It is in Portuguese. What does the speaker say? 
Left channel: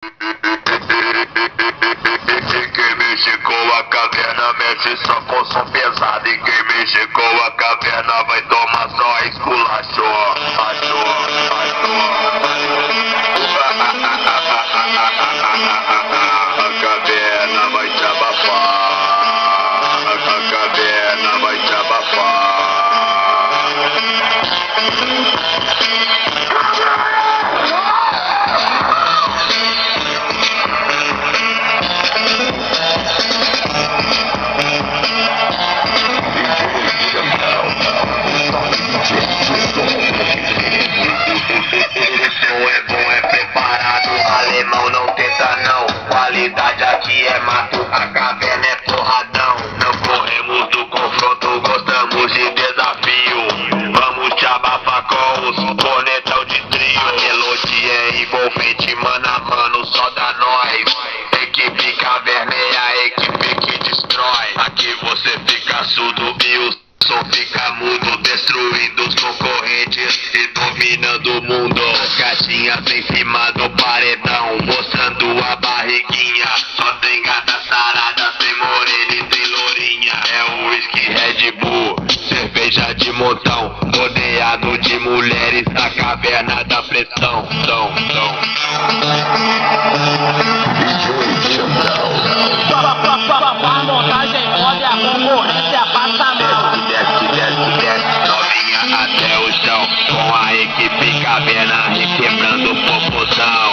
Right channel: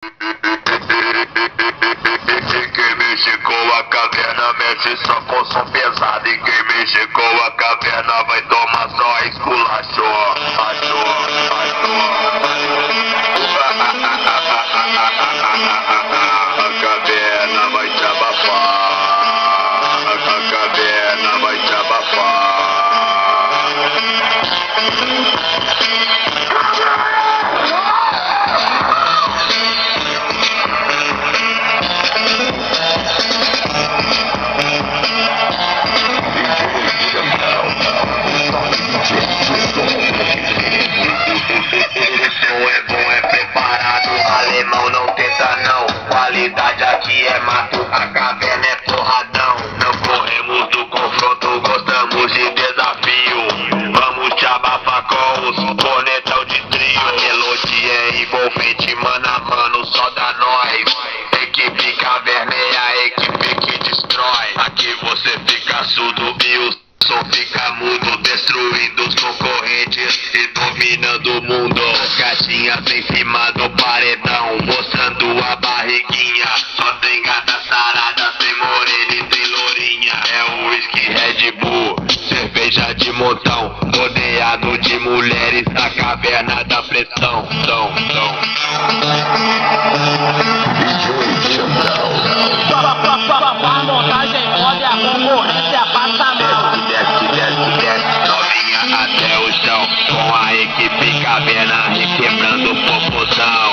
Quem mexe com a caverna mexe só com som pesado. E quem mexe com a caverna vai tomar só esculacho. A caverna vai te abafar. A caverna vai te abafar. Alemão não tenta não, qualidade aqui é mato, a caverna é porradão. Não corremos do confronto, gostamos de desafio. Vamos te abafar com os cornetão de trio. A melodia é envolvente, mano a mano, só dá nós. Equipe caverna é a equipe que destrói. Aqui você fica surdo e o som fica mudo, destruindo os concorrentes e dominando o mundo. Gatinhas em cima do paredão, mostrando a barriguinha. Só tem gata sarada, tem morena e tem lourinha. É o whisky Red Bull, cerveja de montão, rodeado de mulheres na caverna da pressão. A montagem pode, a concorrência passa mal. Desce, novinha até o chão, com a equipe caverna requebrando popozão.